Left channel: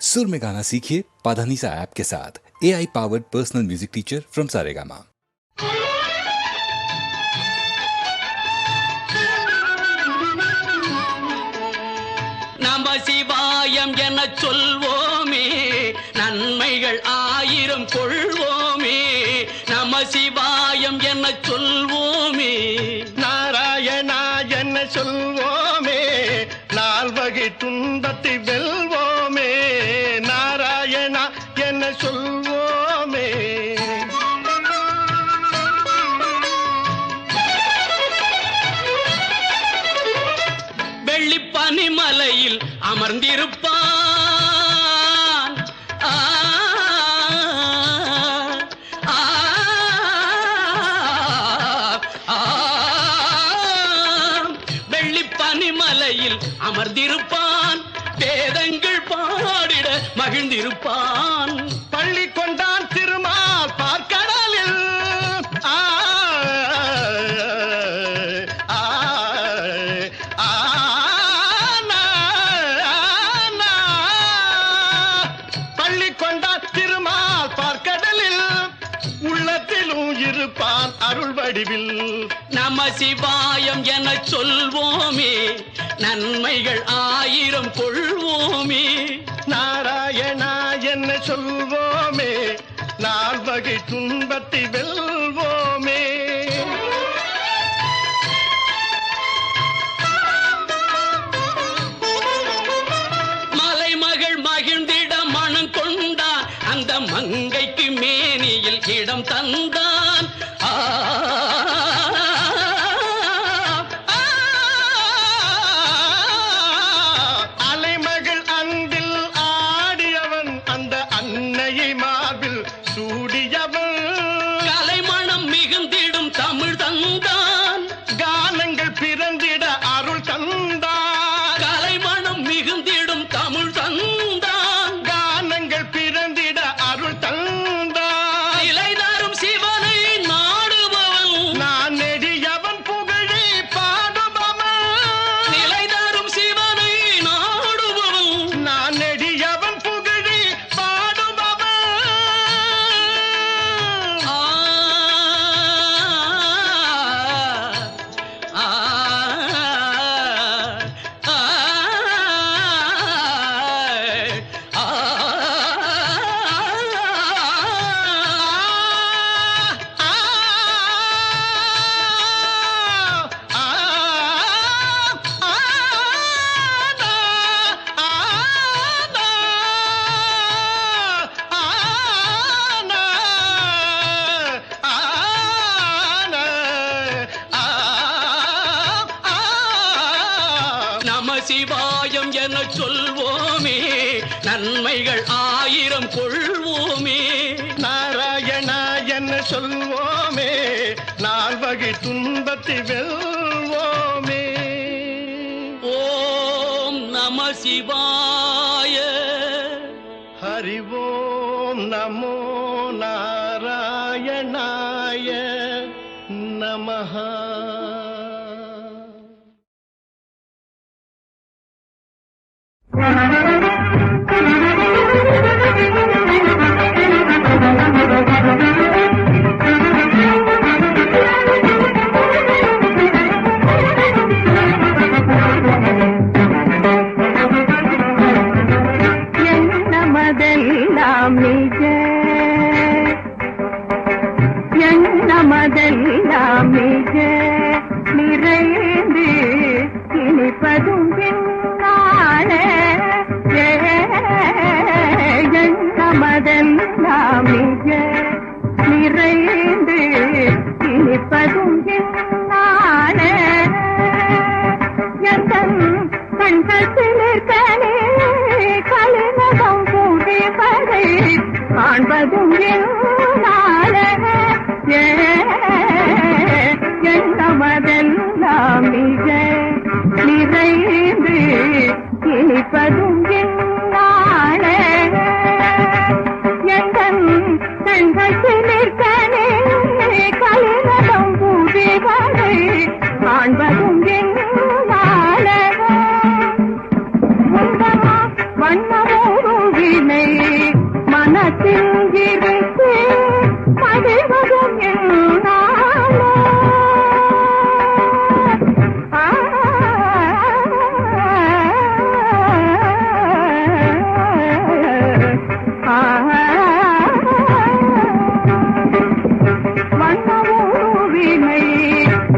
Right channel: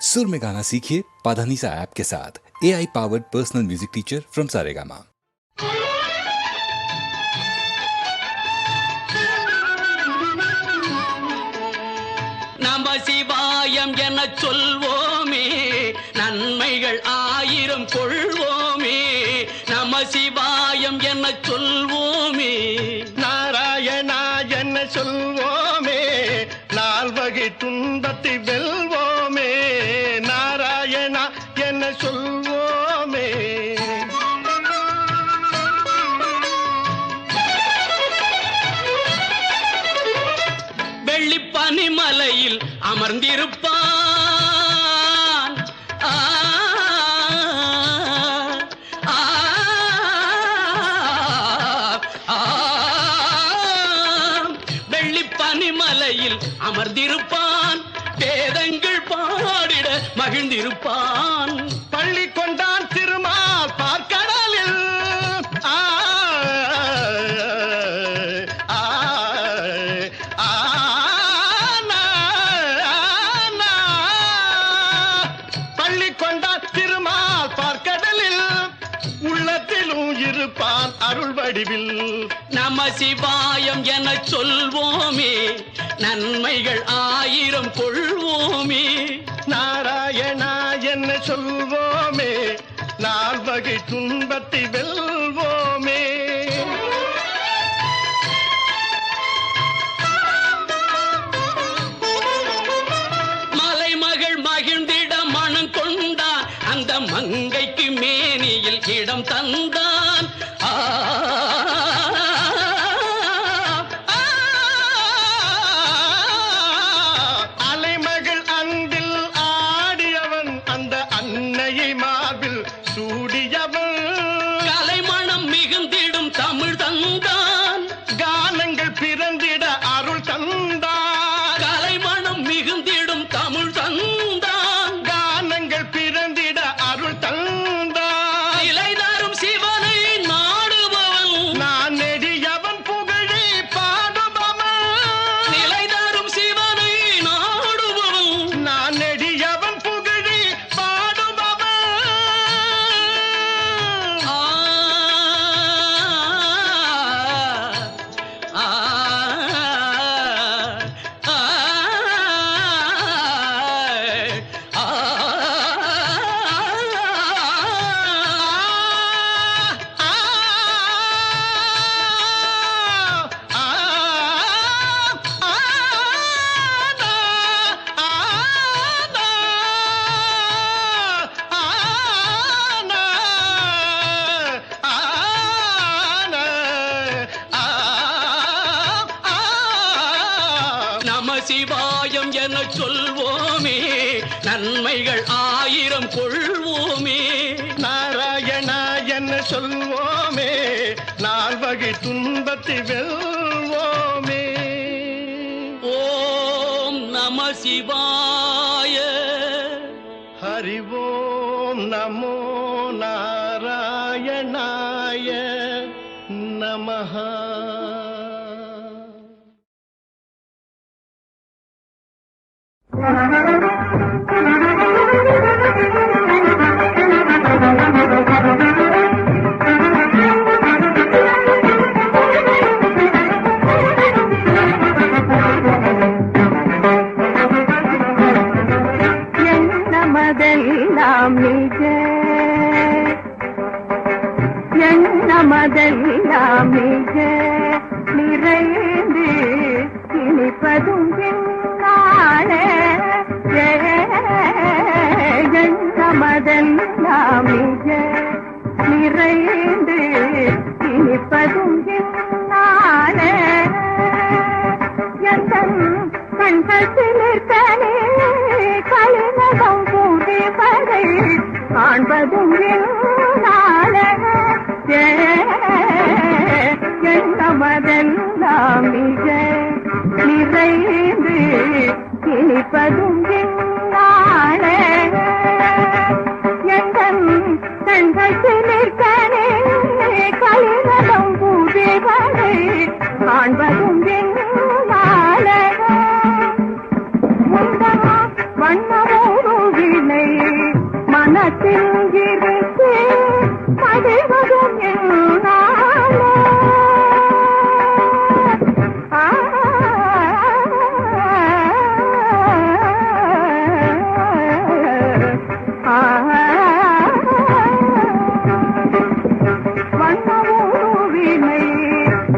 सुर में गाना सीखिए पाधानीसा ऐप के साथ A I powered personal music teacher from Saregama நம சிவாயம் என சொல்வோமே நன்மைகள் ஆயிரம் கொள்வோமே நம சிவாயம் என சொல்வோமே நாராயணா என்ன சொல்வோமே நால்வகை துன்பத்தை வெல்வோமே பனிமலையில் அருள் வடிவில் நம சிவாயம் என சொல்வோமே நன்மைகள் ஆயிரம் கொள்வோமே. நாராயணா என்ன சொல்வோமே நால்வகை துன்பத்தை வெல்வோமே. அந்த மங்கைக்கு மேனியில் இடம் தந்தான். ஆ, ஆ, சொல்வோமே நன்மைகள் ஆயிரம் கொள்வோமே. நாராயணா என்ன சொல்வோமே நால்வகை துன்பத்தை வெல்வோமே. ஓம் நம சிவாய. ஹரிவோம் நமோ நாராயணாய நமஹ. me. எண்ணம் கண்பத்திலே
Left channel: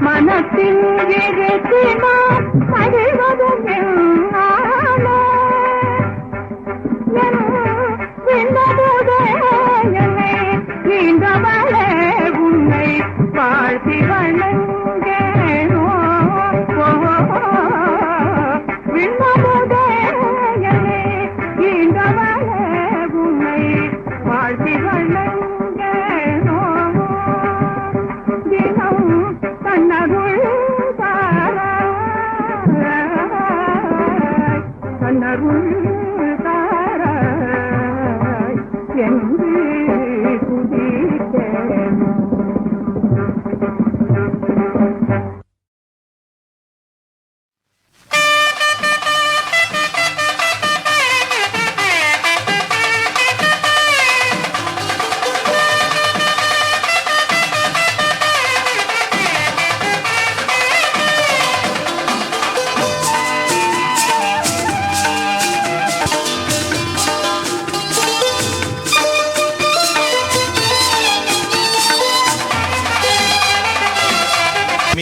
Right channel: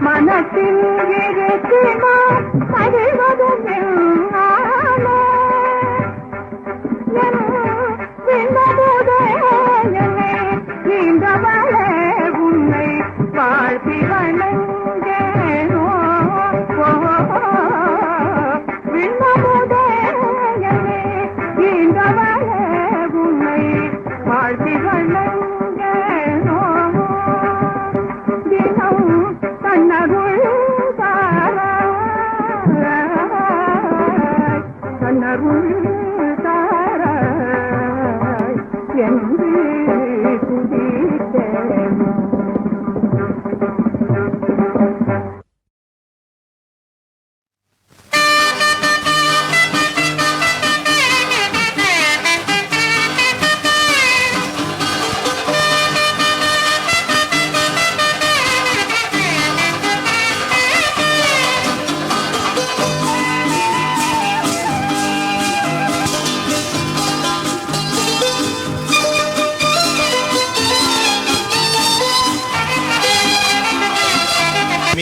மனத்தில்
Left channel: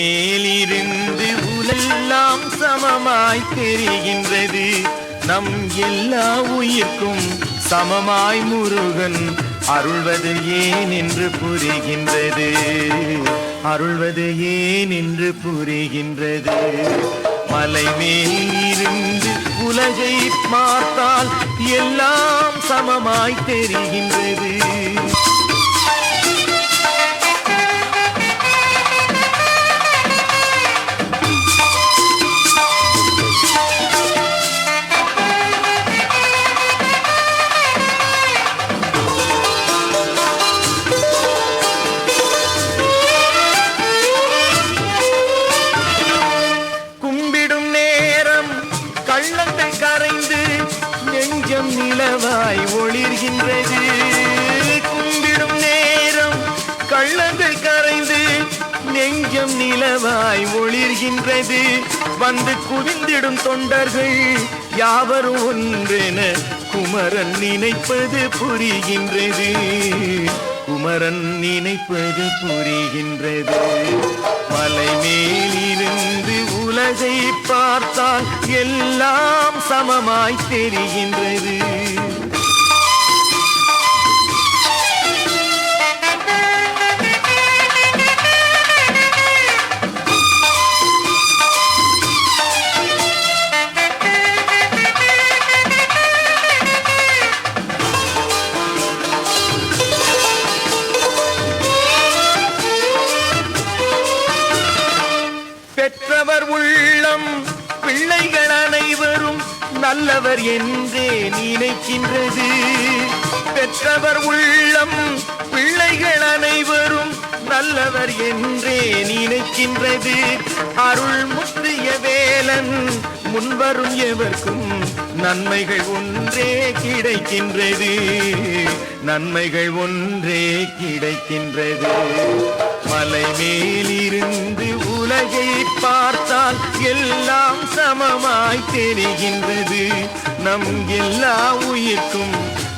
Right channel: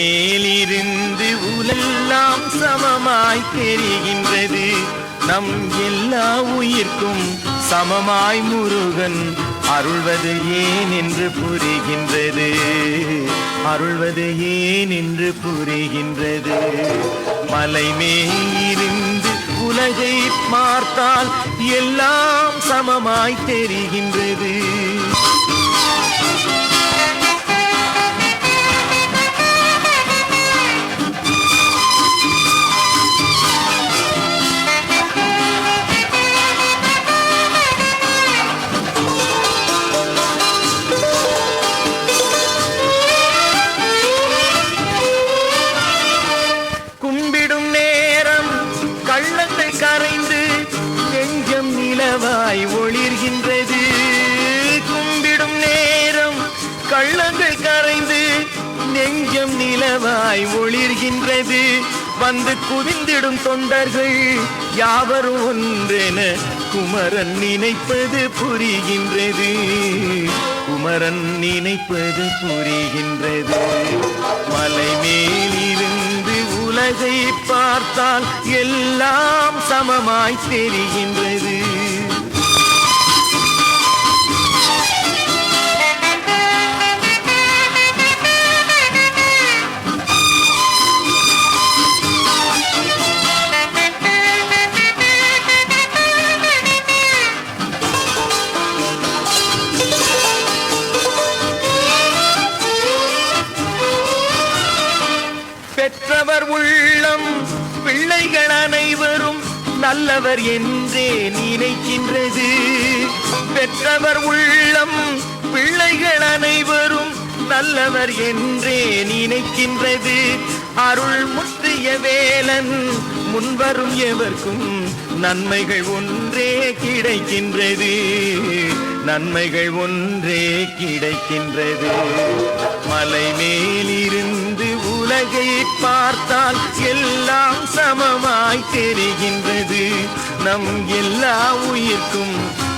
மேலிருந்து உலெல்லாம் சமமாய் தெரிகின்றது நம் எல்லா உயிர்க்கும் சமமாய் முருகன் அருள்வது ஏன் என்று புரிகின்றது. அருள்வது ஏன் என்று புரிகின்றது. மலை மேல் இருந்து உலகை பார்த்தால் எல்லாம் சமமாய் தெரிகின்றது. வந்து குவிந்திடும் தொண்டர்கள் யாவரும் ஒன்றென குமரன் நினைப்பது புரிகின்றது. குமரன் நினைப்பது புரிகின்றது. மலை மேலிருந்து உலகை பார்த்தால் எல்லாம் சமமாய் தெரிகின்றது. நல்லவர் என்றே நினைக்கின்றது. பெற்றவர் உள்ளம் பிள்ளைகள் அனைவரும் நல்லவர் என்றே நினைக்கின்றது. அருள் முற்றிய வேலன் முன்வரும் எவர்க்கும் நன்மைகள் ஒன்றே கிடைக்கின்றது. நன்மைகள் ஒன்றே கிடைக்கின்றது. மலை மேலிருந்து உலகை பார்த்தால் எல்லாம் சமமாய் தெரிகின்றது. நம் எல்லா உயிர்க்கும்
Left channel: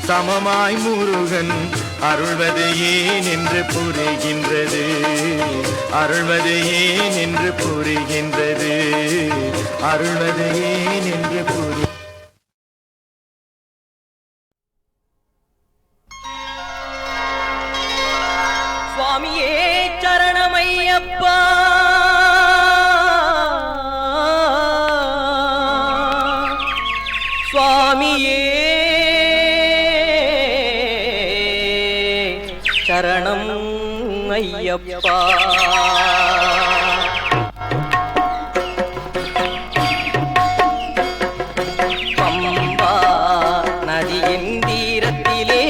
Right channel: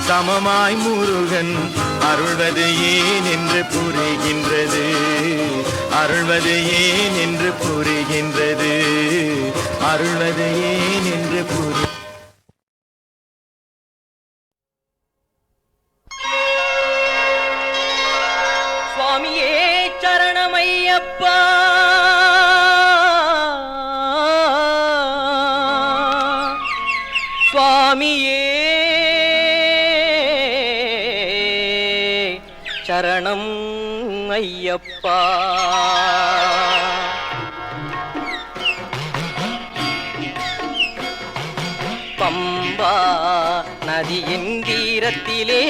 சமமாய் முருகன் அருள்வது ஏன் என்று புரிகின்றது. அருள்வது ஏன் என்று புரிகின்றது. அருள்வது ஏன் என்று புரி சரணம் ஐயப்பா. பம்பா நதியின் தீரத்திலே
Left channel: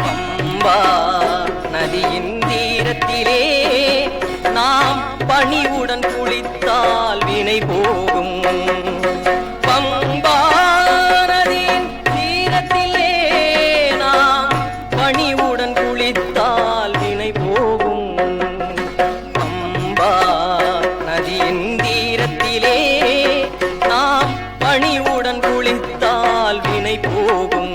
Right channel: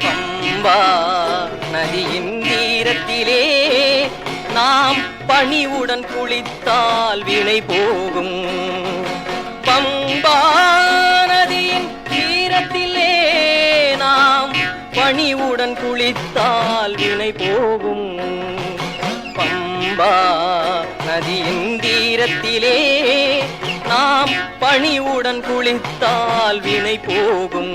பம்பா நதியின் தீரத்திலே நாம் பணிவுடன் குளித்தால் வினை போகும். கனிவுடன் குளித்தால் வினை போகும்.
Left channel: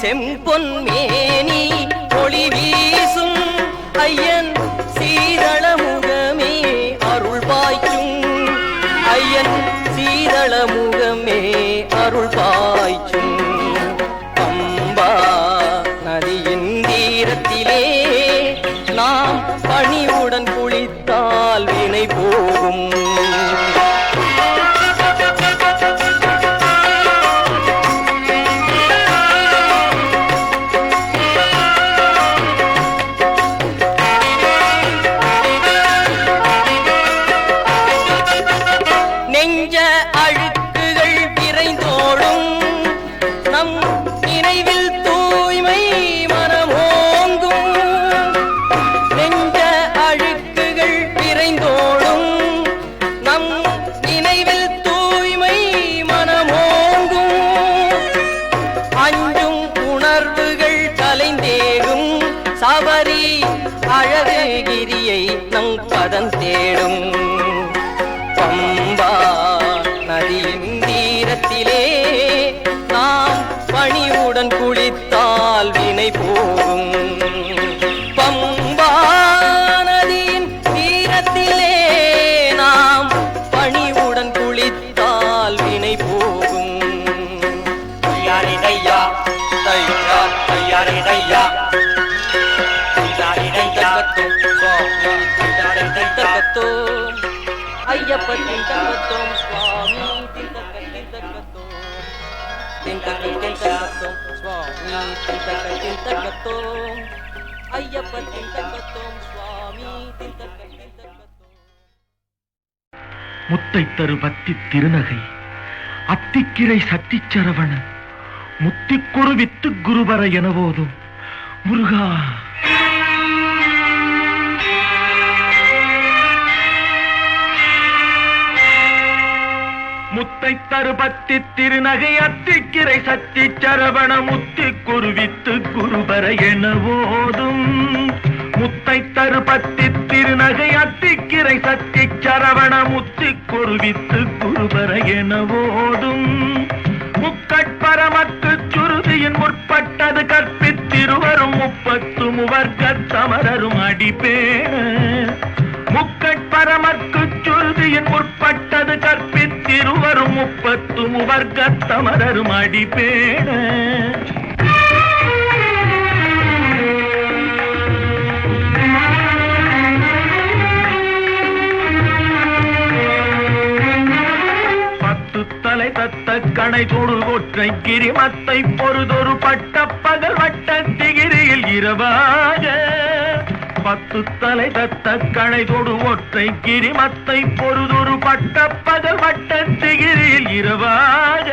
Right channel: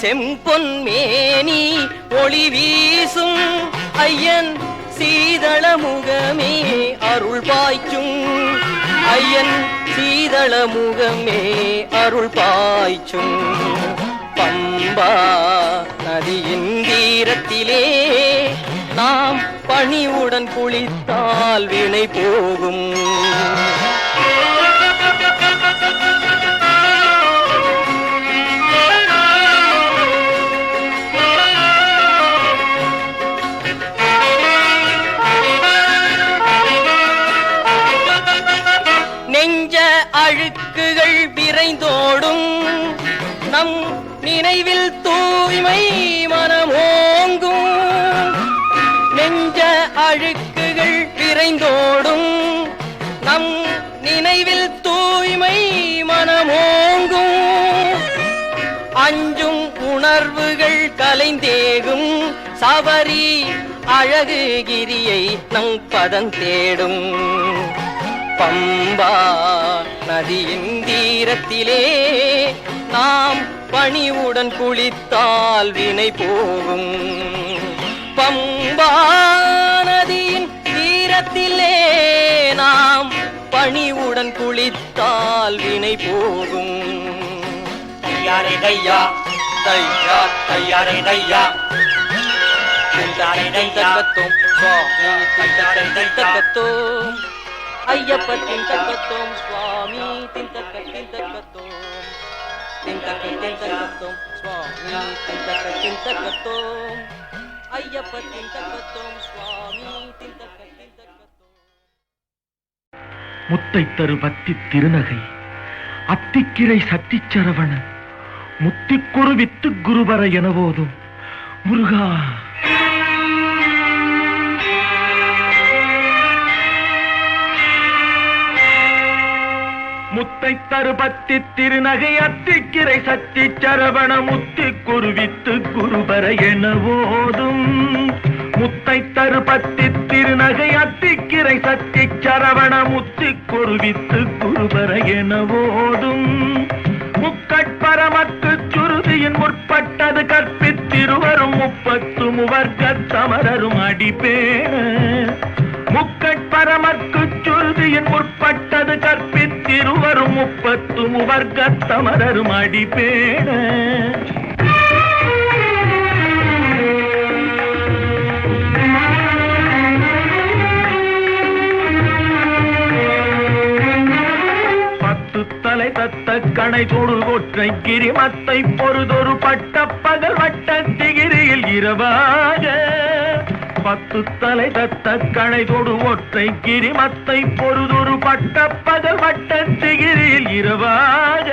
செம்பொன் மேனி ஒளி வீசும் ஐயன் சீதள முகமே அருள் பாய்க்கும் ஐயன் சீதள முகமே அருள் பாய்ச்சும். பம்பா நதியின் தீரத்திலே நாம் பணிவுடன் குளித்தால் வினை போகும். நினைவில் தூய்மை மனமோங்கும். நெஞ்ச அழுக்குகள் விரைந்தோடும். நம் நினைவில் தூய்மை மனமோங்கும். அஞ்சும் உணர்வுகள் கலைந்தேகும் சபரி அழகு கிரியை நம் பதம் தேடும். பம்பா நதியின் தீரத்திலே நாம் பணிவுடன் குளித்தால் வினை போகும். பம்பா நதியின் தீரத்திலே நாம் பணிவுடன் குளித்தால் வினை போகும். தையாரே தையா தையா தையாரே தையா தையாரே தையா தக்கத்தும் சுவாமி திண்டக்கை சுவாமி சுவாமி முத்தை தரு பத்தி திருநகை அத்திக்கிரை சரவண முத்திக்குரு வித்து குருபர என போதும் முருகா! முத்தை தருபத்தி திருநகை அத்திக்கிரை சத்தி சரவண முத்தி குருவித்து குருபர என ஓதும். முத்தை தருபத்தி திருநகை அத்திக்கிரை சத்தி சரவண முத்தி குருவித்து குருபர என ஓதும். முக்கட்பரமக்கு சுருதியின் முற்பட்டது கற்பித்திருவரும் முப்பத்து முவர்க்க சமரரும் அடிப்பேண முப்பத்து முவர்க்க தமரரும் அடிப்பேண தலை தத்த கணை தொடு கொற்றை கிரிமத்தை பொறுதொரு பட்ட பகல் வட்ட திகிரியில் இரவாக. பத்து தலை தத்த கணை கொடு ஒற்றை கிரிமத்தை பொறுதொரு பட்ட பகல் வட்ட திகிரியில் இரவாக.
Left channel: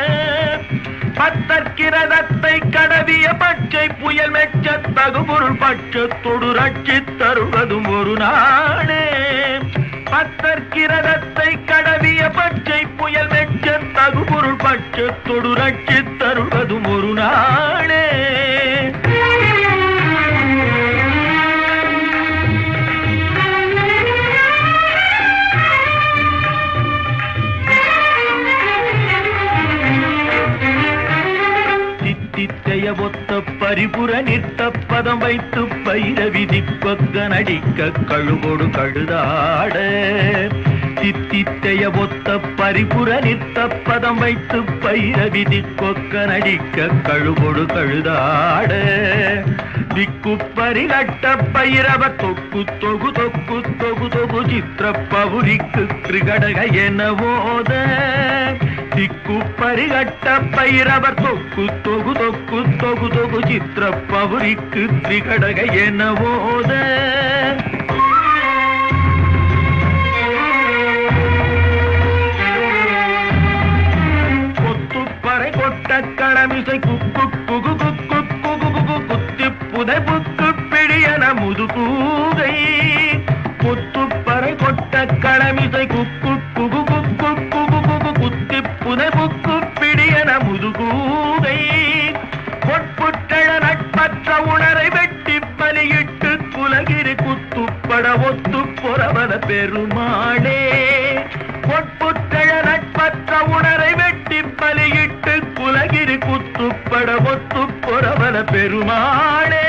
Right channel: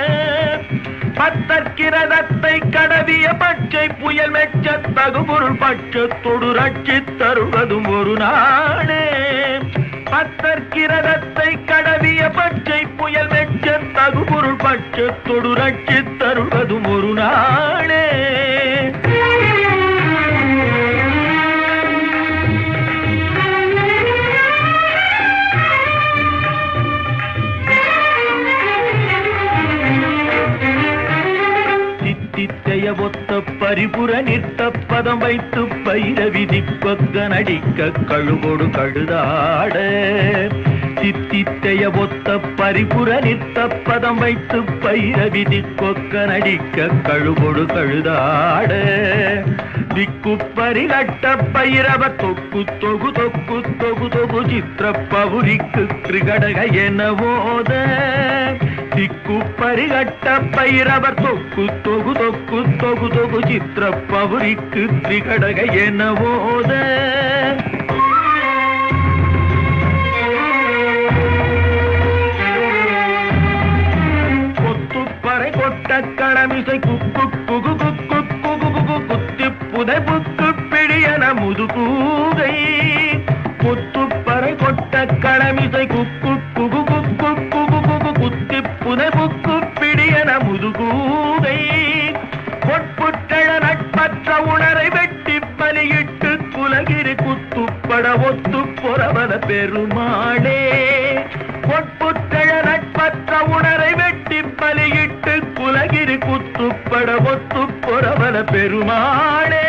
பத்தற்கிரதத்தை கடவிய பச்சை புயல் மெச்ச தகுபொருள் பட்சத்தொடு ரட்சி தருவதும் ஒரு நாடே பத்தற்கிரதத்தை கடவிய பச்சை புயல் மெச்ச தகுபொருள் பட்சத்தொடு ரட்சி தருவதும் ஒரு நாடே தித்தித்தைய ஒத்த பரிபுற நிற்த பதம் வைத்து பயிர திப்பக்க நடிக்க கழுகொடு கழுதாட. சித்தித்தைய ஒத்த பரிபுற நிற்த பதம் வைத்து பயிர திக்கொக்க நடிக்க கழுகொடு கழுதாட. திக்கு பரிகட்ட பைரவ தொக்கு தொகு தொக்கு தொகு தொகு சித்திர பவுரிக்கு கிருகடக என போத திக்கு பரிகட்ட பைரவர் தொக்கு தொகு தொக்கு தொகு தொகு சித்திர பவுரிக்கு திகடக என கொத்துப்பறை கொட்ட கடமிசை குக்கு குகு குக்கு குகு குகு குத்தி புதை புக்கு பிடியன முதுகூகை. கொத்துப்பறை கொட்ட கடமிசை குக்கு பெருமாளே பொற்புற்றழ நட்பற்ற உணரை வெட்டி பலியிட்டு குலகிரி குத்துப்பட ஒத்து பொறவன பெருமாளே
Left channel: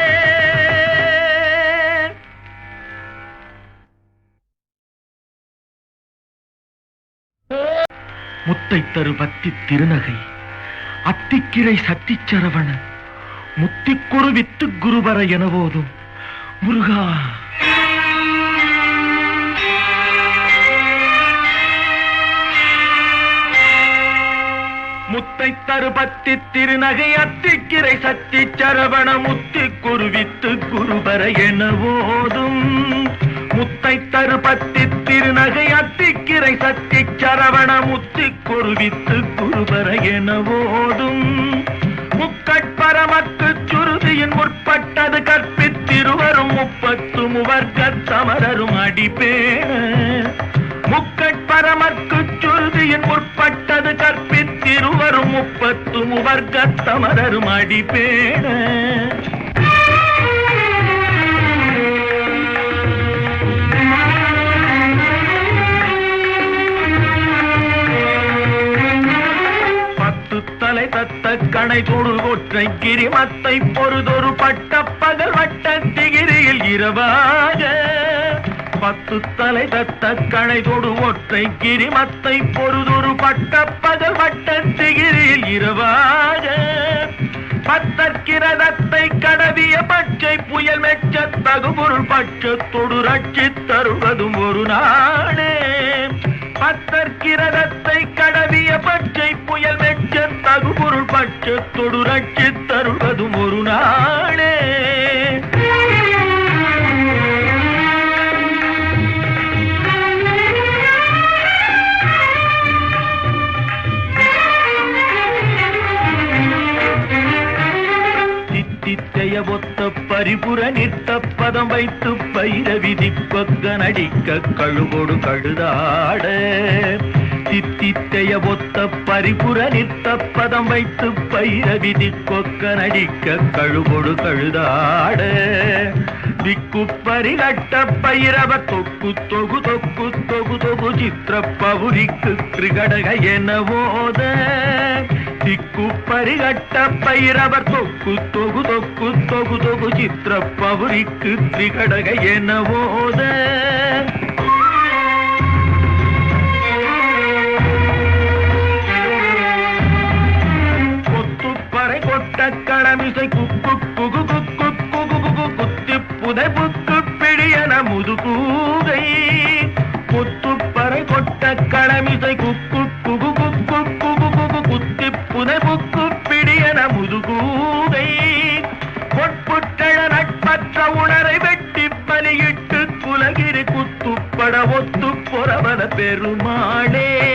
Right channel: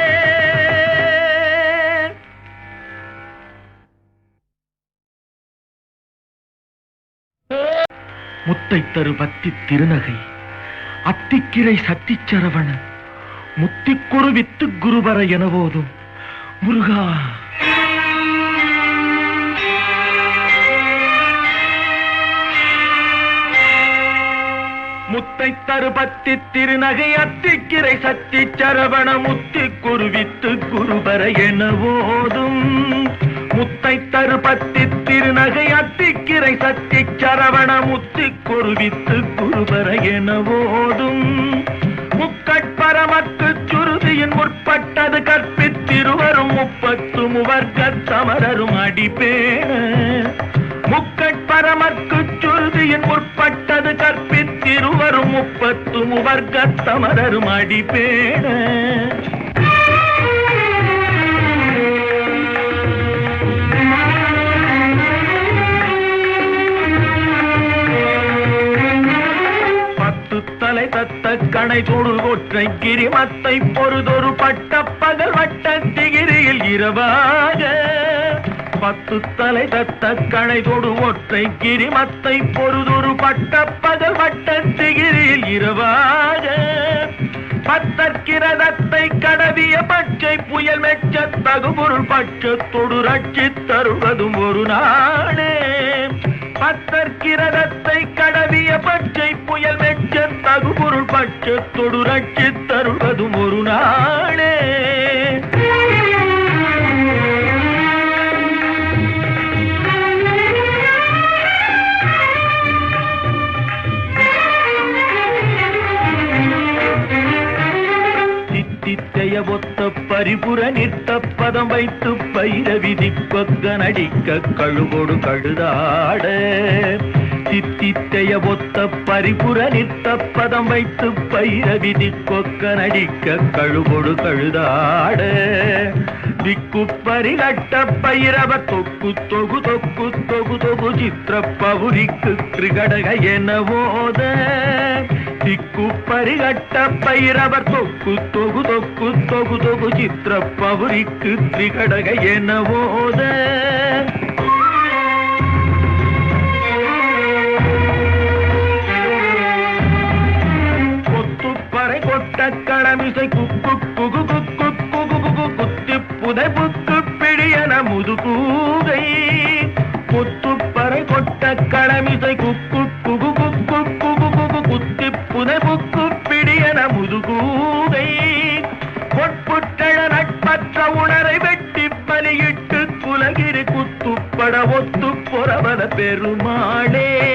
முத்தை தரு பத்தி திருநகை அத்திக்கிரை சத்திச்சரவண முத்திக்குரு வித்து குருவர என போதும் முருகா முத்தை தருபத்தி திருநகை அத்திக்கிரை சத்தி சரவண முத்தி குருவித்து குருபர என ஓதும் முத்தை தருபத்தி திருநகை அத்திக்கிரை சத்தி சரவண முத்தி குருவித்து குருபர என ஓதும் முக்கட்பரமக்கு சுருதியின் முற்பட்டது கற்பித்திருவரும் முப்பத்து முவர்க்க சமரரும் அடிப்பேண முக்கட்பரமற்கு சுருதியின் முற்பட்டது கற்பித்திருவரும் முப்பத்து முவர்க்கத்தமரரும் சமரரும் தலை தத்த கணை தொடு கொற்றை கிரிமத்தை பொறுதொரு பட்ட பகல் வட்ட திகிரியில் இரவாக. பத்து தலை தத்த கணை தொடு ஒற்றை கிரிமத்தை பொறுதொரு பட்ட பகல் வட்ட திகிரியில் இரவாக. பத்தற்கிரதத்தை கடவிய பச்சை புயல் மெச்ச தகுபொருள் பட்சத்தொடு ரட்சி தருவதும் ஒரு நாளே. பத்தற்கிரதத்தை கடவிய பச்சை புயல் மெச்ச தகுபொருள் பட்சத்தொடு ரட்சி தருவதும் ஒரு நாளே. தித்தித்தைய ஒத்த பரிபுர நித்த பதம் வைத்து பைர விதி கொக்க நடிக்க கழுகொடு கழுதாட. சித்தித்தைய ஒத்த பரிபுர நித்த பதம் வைத்து பைர விதி கொக்க நடிக்க கழுகொடு கழுதாட. திக்கு பரிகட்ட பைரவ தொக்கு தொகு தொக்கு தொகு தொகு சித்திர பவுரிக்கு கிருகடக என ஓத. திக்கு பரிகட்ட பைரவர் தொக்கு தொகு தொக்கு தொகு தொகு சித்திர பவுரிக்கு திரிகடக என கொத்துப்பறை கொட்ட கடமிசை குக்கு குகு குக்கு குகு குகு குத்தி புதை புக்கு பிடியன முதுகூகை. கொத்துப்பறை கொட்ட கடமிசை பெருமாளே.